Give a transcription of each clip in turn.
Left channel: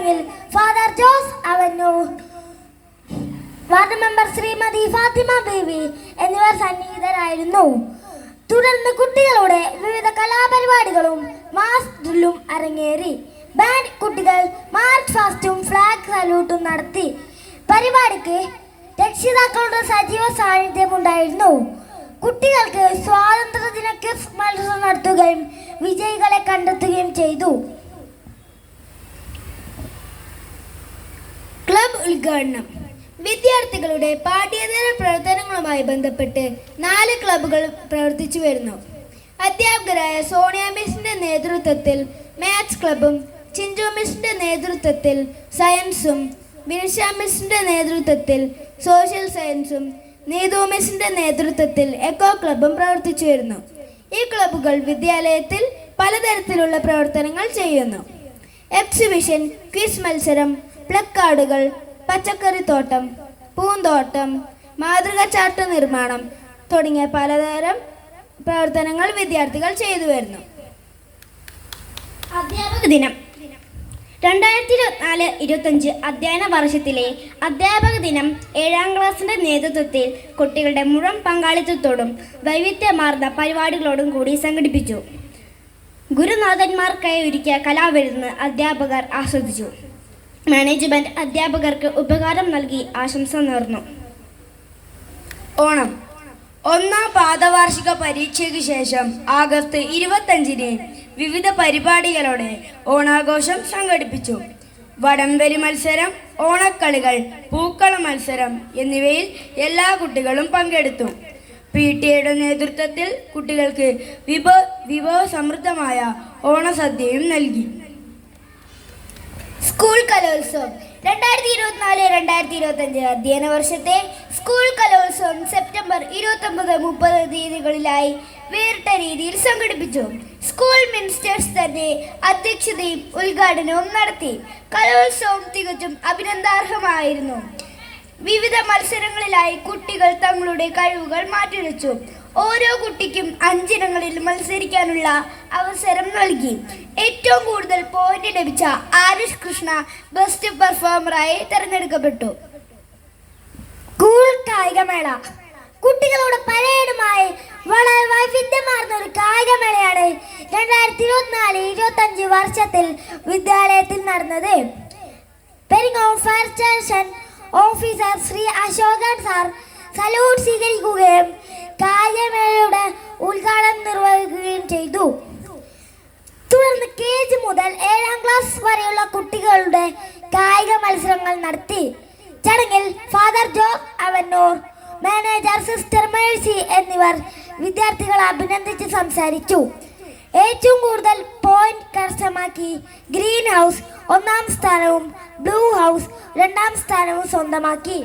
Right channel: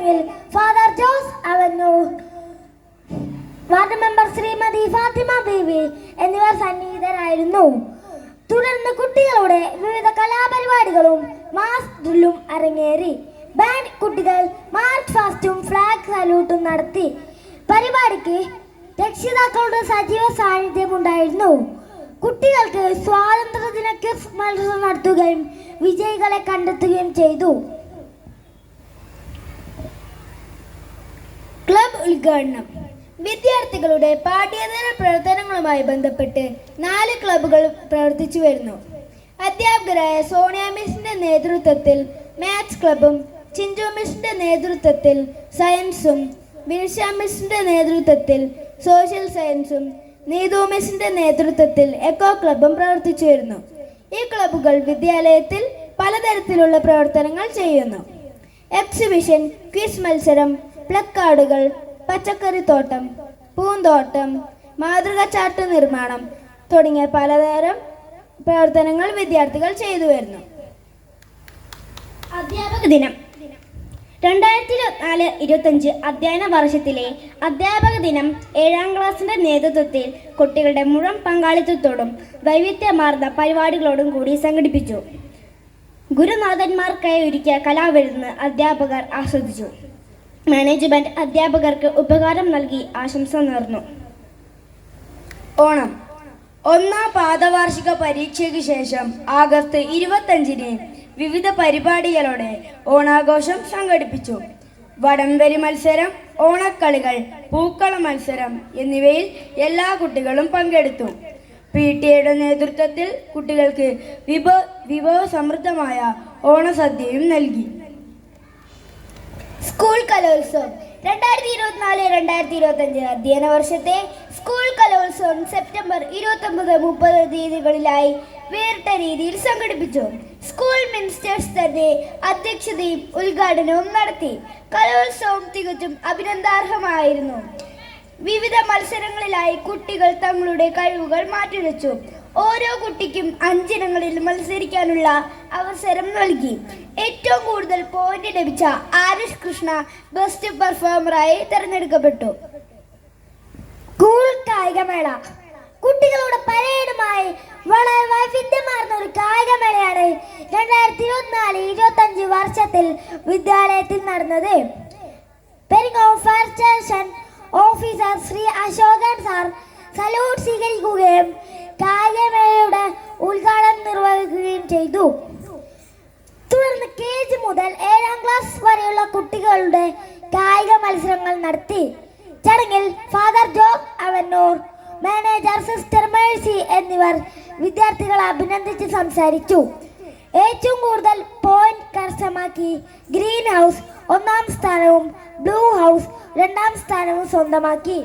ചടങ്ങിൽ father Jose Avannur, ward member Srimathi Fathima Beevi എന്നിവർ സന്നിഹിതരായിരുന്നു. തുടർന്ന് കുട്ടികളുടെ വിവിധ കലാപരിപാടികളും മാസ് ഡ്രില്ലും അരങ്ങേറി. ബാൻഡ് കുട്ടികൾ മാർച്ച് ഫാസ്റ്റും ഫ്ലാഗ് സല്യൂട്ടും നടത്തി. പരിപാടിക്ക് രക്ഷിതാക്കളുടെ സജീവ സാന്നിധ്യമുണ്ടായിരുന്നു. കുട്ടികൾക്ക് സ്വാതന്ത്ര്യദിന ക്വിസ് മത്സരം നടത്തുകയും വിജയികളെ കണ്ടെത്തുകയും ചെയ്തു. ക്ലബ് ഉദ്ഘാടനം. വിദ്യാർത്ഥികളുടെ പാഠ്യേതര പ്രവർത്തനങ്ങളുമായി ബന്ധപ്പെട്ട് 4 ക്ലബ്ബുകൾ പ്രവർത്തിച്ചു വരുന്നു. അധ്യാപകരായ സോണിയ മിസ്സിന്റെ നേതൃത്വത്തിൽ മാത്സ് ക്ലബും, ചിഞ്ചു മിസ്സിന്റെ നേതൃത്വത്തിൽ സയൻസും, ബിനിഷ മിസ്സിന്റെ നേതൃത്വത്തിൽ സോഷ്യൽ സയൻസും, നീതു മിസ്സിന്റെ നേതൃത്വത്തിൽ എക്കോ ക്ലബും പ്രവർത്തിച്ചു വരുന്നു. ഈ ക്ലബ്ബുകൾ വിദ്യാലയത്തിൽ പലതരത്തിലുള്ള പ്രവർത്തനങ്ങൾ ചെയ്യുന്നു. എക്സിബിഷൻ, ക്വിസ് മത്സരം, പ്ലക്കാർഡുകൾ, പച്ചക്കറിത്തോട്ടം, പൂന്തോട്ടം, മാതൃക ചാർട്ട് നിർമ്മാണം തുടങ്ങിയ പലതരം പ്രവർത്തനങ്ങൾ വിദ്യാർത്ഥികൾ ചെയ്തു വരുന്നു. അധ്യാപക ദിനം. 2024-25 അധ്യയന വർഷത്തിലെ അധ്യാപക ദിനം 7ാം ക്ലാസിന്റെ നേതൃത്വത്തിൽ കുട്ടികളുടെ മുഴുവൻ പങ്കാളിത്തത്തോടും വൈവിധ്യമാർന്ന പരിപാടികളോടും കൂടി സംഘടിപ്പിച്ചു. ഗുരുനാഥന്മാർക്കായി ഒരുക്കിയ കലാവിരുന്ന് അധ്യാപകർ ആസ്വദിച്ചു. മാനേജ്മെന്റ് അധ്യാപകർക്ക് ഉപകാരം നൽകി ആശംസ നേർന്നു. ഓണം. 1ാം പാദവാർഷിക പരീക്ഷയ്ക്ക് ശേഷം ആഗസ്റ്റ് 25-ന് വിവിധ പരിപാടികളോടെ ഓണാഘോഷം സംഘടിപ്പിച്ചു. വടംവലി മത്സരം, ഓണക്കളികൾ, പൂക്കള മത്സരം എന്നിവയിൽ എല്ലാ കുട്ടികളും പങ്കെടുത്തു. PTA നേതൃത്വത്തിൽ കുട്ടികൾക്ക് വിഭവസമൃദ്ധമായ ഓണസദ്യയും നൽകി. സ്കൂൾ കലോത്സവം. 2024-2025 അധ്യയന വർഷത്തെ സ്കൂൾ കലോത്സവം സെപ്റ്റംബർ 29-30 തീയതികളിലായി വേറിട്ട രീതിയിൽ സംഘടിപ്പിച്ചു. സ്കൂൾ മിനിസ്റ്റേഴ്സ് തന്നെ അധ്യക്ഷതയും ഉദ്ഘാടനവും നടത്തി. കലോത്സവം തികച്ചും അഭിനന്ദനാർഹമായിരുന്നു. വിവിധ മത്സരങ്ങളിലായി കുട്ടികൾ തങ്ങളുടെ കഴിവുകൾ മാറ്റുരച്ചു. ഓരോ കുട്ടിക്കും 5 ഇനങ്ങളിൽ മത്സരിക്കാനുള്ള അവസരം നൽകി. ഏറ്റവും കൂടുതൽ പോയിന്റ് ലഭിച്ച ആരുഷ് കൃഷ്ണ ബെസ്റ്റ് പെർഫോമറായി തെരഞ്ഞെടുക്കപ്പെട്ടു. സ്കൂൾ കായികമേള. കുട്ടികളുടെ പരേഡുമായി വളരെ വൈവിധ്യമാർന്ന ഒരു കായികമേളയാണ് 2024-25 വർഷത്തിൽ വിദ്യാലയത്തിൽ നടന്നത്. Peringome fire station officer Shri Ashokan sir salute സ്വീകരിക്കുകയും കായികമേളയുടെ ഉദ്ഘാടനം നിർവഹിക്കുകയും ചെയ്തു. തുടർന്ന് KG മുതൽ 7ാം ക്ലാസ് വരെയുള്ള കുട്ടികളുടെ കായിക മത്സരങ്ങൾ നടത്തി. ചടങ്ങിൽ father Jose Avannur, manager sister Mercy എന്നിവർ വിദ്യാർത്ഥികളെ അഭിനന്ദിച്ച് സംസാരിച്ചു. ഏറ്റവും കൂടുതൽ പോയിന്റ് കരസ്ഥമാക്കി ഗ്രീൻ ഹൗസ് 1ാം സ്ഥാനവും ബ്ലൂ ഹൗസ് 2ാം സ്ഥാനവും സ്വന്തമാക്കി.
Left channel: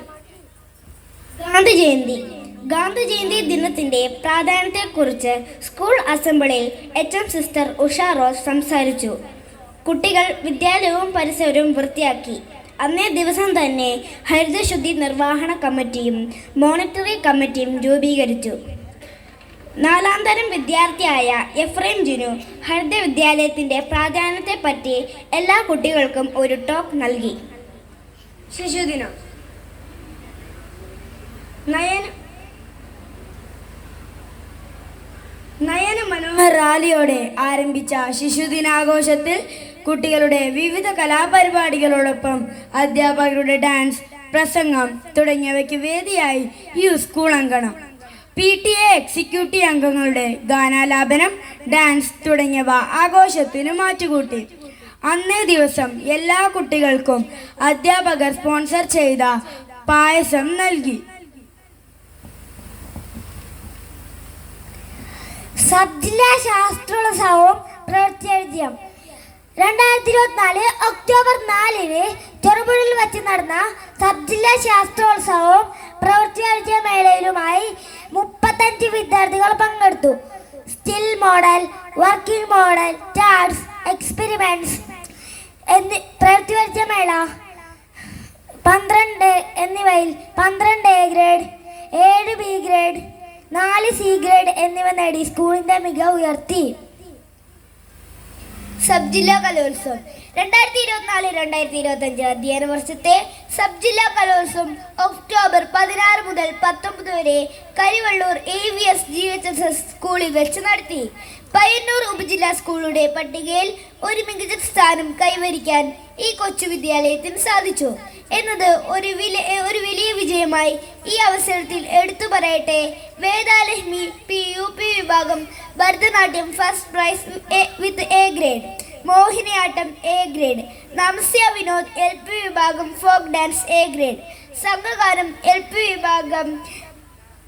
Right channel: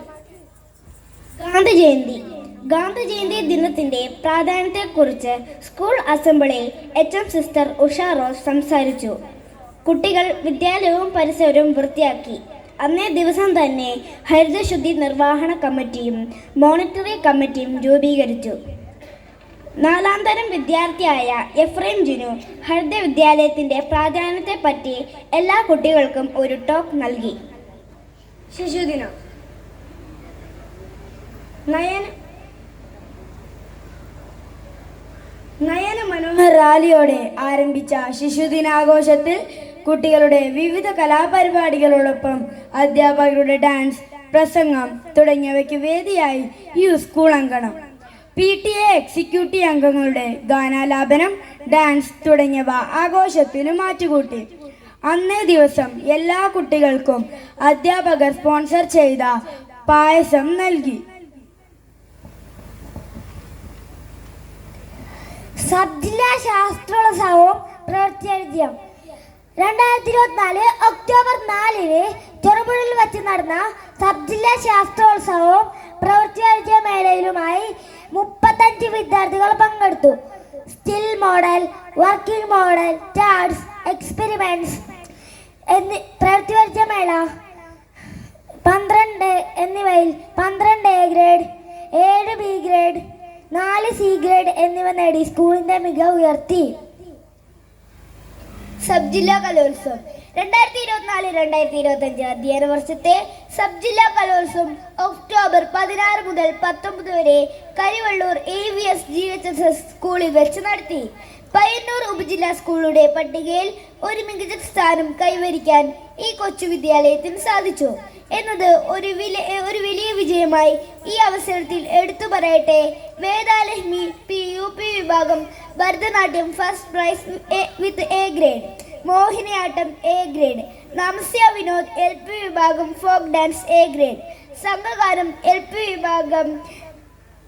ഗാന്ധി ജയന്തി ദിനത്തിന്റെ പ്രാധാന്യത്തെക്കുറിച്ച് സ്കൂൾ അസംബ്ലിയിൽ HM സിസ്റ്റർ ഉഷ റോസ് സംസാരിച്ചു. കുട്ടികൾ വിദ്യാലയവും പരിസരവും വൃത്തിയാക്കി. അന്നേ ദിവസം തന്നെ ഹരിതശുദ്ധി നിർവഹണ കമ്മിറ്റിയും മോണിറ്ററി കമ്മിറ്റിയും രൂപീകരിച്ചു. 4ാം തരം വിദ്യാർത്ഥിയായ എഫ്രൈം ജിനു ഹരിത വിദ്യാലയത്തിന്റെ പ്രാധാന്യത്തെപ്പറ്റി എല്ലാ കുട്ടികൾക്കും ഒരു ടോക്ക് നൽകി. ശിശുദിനം. നയന മനോഹർ റാലിയോടെ ആരംഭിച്ച ശിശുദിനാഘോഷത്തിൽ കുട്ടികളുടെ വിവിധ കലാപരിപാടികളോടൊപ്പം അധ്യാപകരുടെ ഡാൻസ്, പ്രസംഗം തുടങ്ങിയവയ്ക്ക് വേദിയായി ഈ സ്കൂൾ അങ്കണം. PTA എക്സിക്യൂട്ടീവ് അംഗങ്ങളുടെ ഗാനാലാപനം, ഡാൻസ് തുടങ്ങിയവ ആഘോഷത്തിന് മാറ്റുകൂട്ടി. അന്നേ ദിവസം എല്ലാ കുട്ടികൾക്കും അധ്യാപകർ സ്പോൺസർ ചെയ്ത പായസം നൽകി. സബ് ജില്ലാ ശാസ്ത്രോത്സവവും പ്രവൃത്തിയും. 2024 ഒക്ടോബർ 4-ന് ചെറുപുഴയിൽ വെച്ച് നടന്ന സബ് ജില്ലാ ശാസ്ത്രോത്സവവും പ്രവൃത്തി മേളയിലുമായി 35 വിദ്യാർത്ഥികൾ പങ്കെടുത്തു. Still model, working model, charts, experiments പ്രവൃത്തി മേള 12 എന്നിവയിൽ 12 A grade, 7 B grade, 4 C grade എന്നിവ നേടി സ്കൂളിന്റെ മികവ് ഉയർത്തി. സബ് ജില്ലാ കലോത്സവം 2024-2025 അധ്യയന വർഷത്തെ സബ് ജില്ലാ കലോത്സവം ഒക്ടോബർ 16 മുതൽ 19 വരെ കരിവള്ളൂർ AVS GHSS സ്കൂളിൽ വെച്ച് നടത്തി. പയ്യന്നൂർ ഉപജില്ലാ സ്കൂളുടെ പട്ടികയിൽ ഒരു മികച്ച സ്ഥാനം കൈവരിക്കാൻ ഈ കൊച്ചു വിദ്യാലയത്തിന് സാധിച്ചു എന്നത് ഒരു വലിയ വിജയമായി ഈ അവസരത്തിൽ എടുത്തു പറയട്ടെ. വേദാലക്ഷ്മി UP വിഭാഗം Bharatanatyam first prize with A grade, Mohiniyattam A grade, Namasya Vinod LP വിഭാഗം ഫോക്ക് ഡാൻസ് A ഗ്രേഡ്, സംഘഗാനം LP വിഭാഗം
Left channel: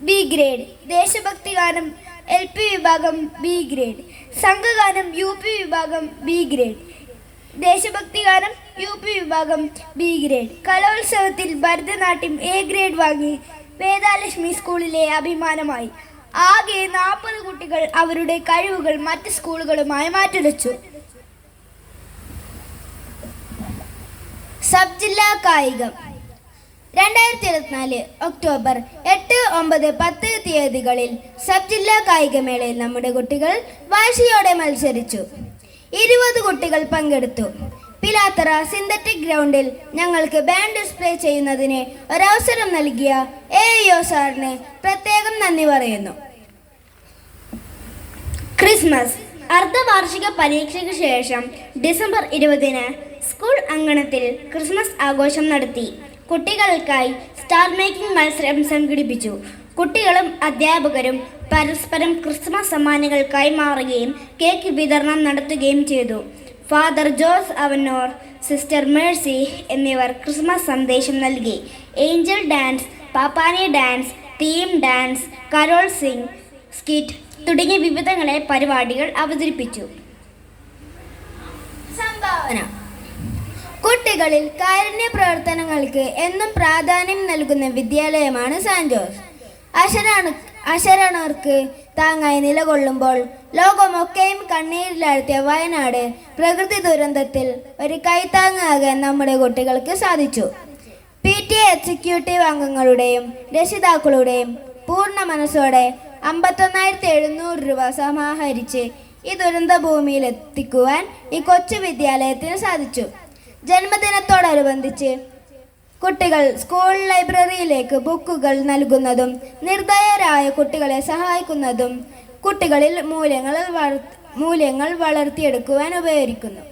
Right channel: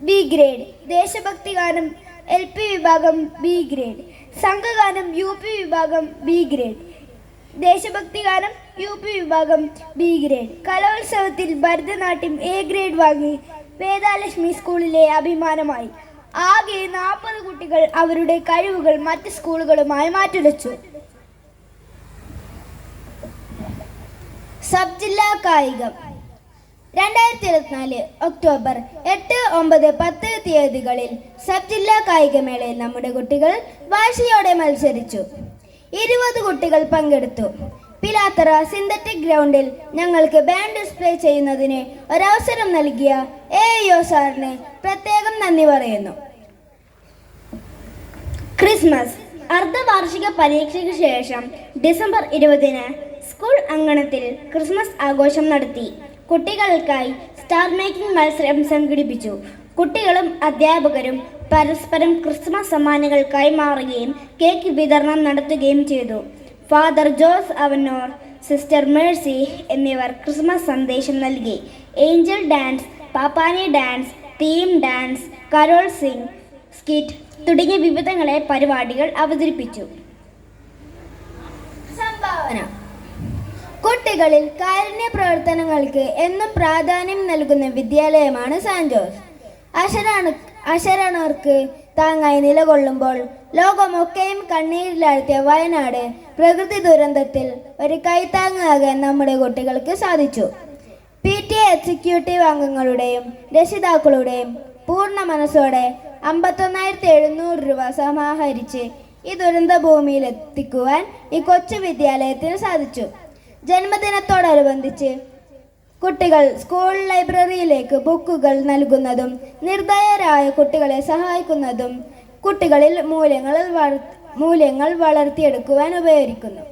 B ഗ്രേഡ്, ദേശഭക്തി ഗാനം LP വിഭാഗം B ഗ്രേഡ്, സംഘഗാനം UP വിഭാഗം B ഗ്രേഡ്, ദേശഭക്തി ഗാനം UP വിഭാഗം B ഗ്രേഡ്. കലോത്സവത്തിൽ ഭരതനാട്യം A ഗ്രേഡ് വാങ്ങി വേദാലക്ഷ്മി സ്കൂളിലെ അഭിമാനമായി. ആകെ 40 കുട്ടികൾ അവരുടെ കഴിവുകൾ മറ്റ് സ്കൂളുകളുമായി മാറ്റുരച്ചു. സബ് ജില്ലാ കായികം 2024 ഒക്ടോബർ 8, 9, 10 തീയതികളിൽ സബ് ജില്ലാ കായികമേളയിൽ നമ്മുടെ കുട്ടികൾ വാശിയോടെ മത്സരിച്ചു. 20 കുട്ടികൾ പങ്കെടുത്തു. പിലാത്തറ സിന്തറ്റിക് ഗ്രൗണ്ടിൽ ഞങ്ങൾക്ക് ബാൻഡ് ഡിസ്പ്ലേ ചെയ്യുന്നതിന് ഒരവസരം നൽകിയ AIO സാറിന് പ്രത്യേകം നന്ദി പറയുന്നു. ക്രിസ്മസ് അർദ്ധവാർഷിക പരീക്ഷയ്ക്ക് ശേഷം ഡിസംബർ 20-ന് സ്കൂൾ അങ്കണത്തിൽ ക്രിസ്മസ് ആഘോഷം നടത്തി. കുട്ടികൾക്കായി സ്റ്റാർ മേക്കിംഗ് മത്സരം സംഘടിപ്പിച്ചു. കുട്ടികളും അധ്യാപകരും പരസ്പരം ക്രിസ്മസ് സമ്മാനങ്ങൾ കൈമാറുകയും കേക്ക് വിതരണം നടത്തുകയും ചെയ്തു. Father Jose Avannur, sister Mercy എന്നിവർ ക്രിസ്മസ് സന്ദേശം നൽകി. ഏഞ്ചൽ ഡാൻസ്, പാപ്പാനി dance, theme dance, carol sing, skit തുടങ്ങിയ വിവിധങ്ങളെ പരിപാടികൾ അവതരിപ്പിച്ചു. സംഭാവന കുട്ടികളിൽ കാരുണ്യ പ്രവർത്തനങ്ങൾക്ക് എന്നും പ്രാധാന്യം നൽകുന്ന വിദ്യാലയമാണ് സാന്റ് ജോസ്. അശരണർക്ക് താങ്ങായി നിലകൊള്ളുമ്പോൾ ലോകമൊക്കെയും കണ്ണീരിലാഴ്ത്തിയ വയനാട് പ്രകൃതി ദുരന്തത്തിൽ ഒരു കൈത്താങ്ങാകാൻ നമ്മുടെ കുട്ടികൾക്ക് സാധിച്ചു. PTA എക്സിക്യൂട്ടീവ് അംഗങ്ങളുടെയും രക്ഷിതാക്കളുടെയും പൂർണ്ണ മനസ്സോടെ 51,700 രൂപ സമാഹരിച്ച് ഈ ദുരന്ത ഭൂമിയിൽ എത്തിക്കുവാൻ ഈ കൊച്ചു വിദ്യാലയത്തിന് സാധിച്ചു. ജന്മദിനത്തോടനുബന്ധിച്ച് കുട്ടികൾ സ്കൂൾ ലൈബ്രറിയിലേക്ക് ബുക്കുകൾ നൽകുന്നതും നിർദ്ധയരായ കുട്ടികളെ സഹായിക്കുന്നതും കുട്ടികളിൽ മൂല്യങ്ങൾ വളർത്തിയെടുക്കുവാൻ ഉപകരിക്കുന്നു.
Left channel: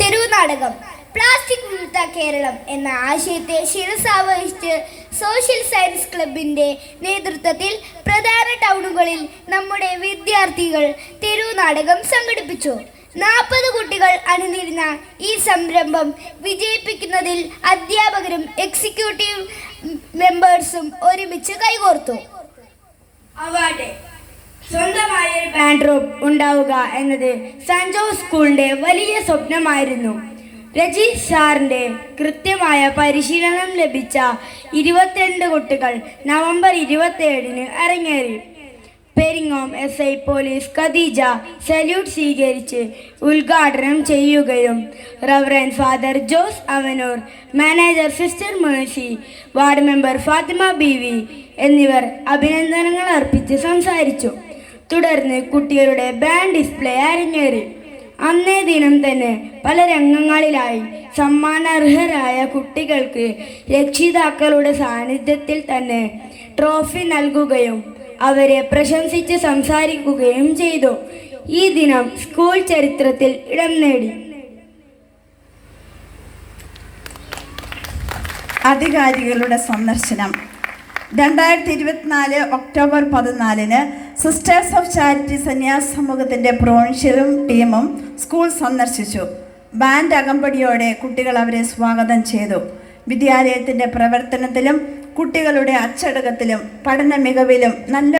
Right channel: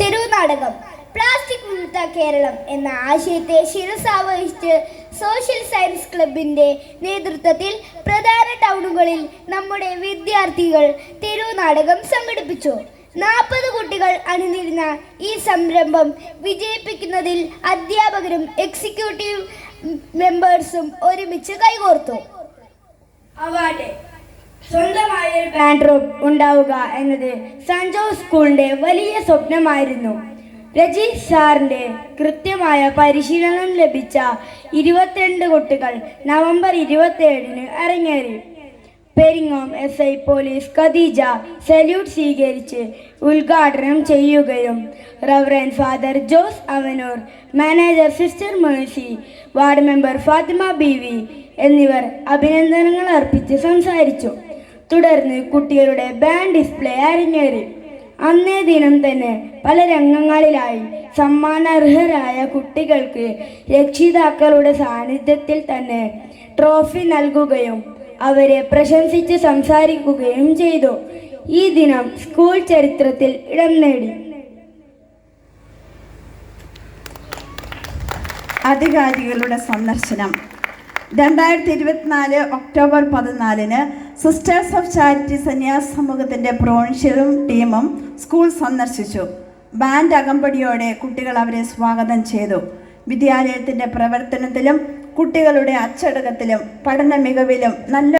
തെരുവുനാടകം പ്ലാസ്റ്റിക് വിമുക്ത കേരളം എന്ന ആശയത്തെ ശിരസാവഹിച്ച് സോഷ്യൽ സയൻസ് ക്ലബിന്റെ നേതൃത്വത്തിൽ പ്രധാന ടൗണുകളിൽ നമ്മുടെ വിദ്യാർത്ഥികൾ തെരുവുനാടകം സംഘടിപ്പിച്ചു. 40 കുട്ടികൾ അണിനിരുന്ന ഈ സംരംഭം വിജയിപ്പിക്കുന്നതിൽ അധ്യാപകരും എക്സിക്യൂട്ടീവ് മെമ്പേഴ്സും ഒരുമിച്ച് കൈകോർത്തു. അവാർഡ് സ്വന്തമായ ഒരു ബാൻഡ് റൂം ഉണ്ടാവുക എന്നത് സാന്റ് ജോസ് സ്കൂളിന്റെ വലിയ സ്വപ്നമായിരുന്നു. രജീഷ് സാറിന്റെ കൃത്യമായ പരിശീലനം ലഭിച്ച 22 കുട്ടികൾ നവംബർ 27-ന് അരങ്ങേറി. Peringome SI police Khadeeja salute സ്വീകരിച്ച് ഉദ്ഘാടനം ചെയ്യുകയും reverend father Jose Avanoor, manager sister Mercy, ward member Fathima BV എന്നിവർ അഭിനന്ദനങ്ങൾ അർപ്പിച്ച് സംസാരിച്ചു. തുടർന്ന് കുട്ടികളുടെ ബാൻഡ് ഡിസ്പ്ലേ അരങ്ങേറി. അന്നേ ദിനം തന്നെ പല രംഗങ്ങളിലായി സമ്മാനാർഹരായ കുട്ടികൾക്ക് രക്ഷിതാക്കളുടെ സാന്നിധ്യത്തിൽ തന്നെ ട്രോഫി നൽകുകയും അവരെ പ്രശംസിച്ച് സംസാരിക്കുകയും ചെയ്തു. ഈ ദിനം സ്കൂൾ ചരിത്രത്തിൽ ഇടം നേടി. അധികാരികളുടെ സന്ദർശനം 2024 ഒക്ടോബർ 14-ന് സിസ്റ്റേഴ്സ് ഓഫ് ചാരിറ്റി സന്യാസ സമൂഹത്തിൻ്റെ പ്രൊവിൻഷ്യലും ടീമും സ്കൂൾ സന്ദർശിച്ചു. ബാൻഡ് അകമ്പടിയോടെ കുട്ടികൾ അവരെ സ്വാഗതം ചെയ്തു. വിദ്യാലയത്തിൻ്റെ പ്രവർത്തനത്തിലും കുട്ടികളുടെ അച്ചടക്കത്തിലും പഠന മികവിലും നല്ല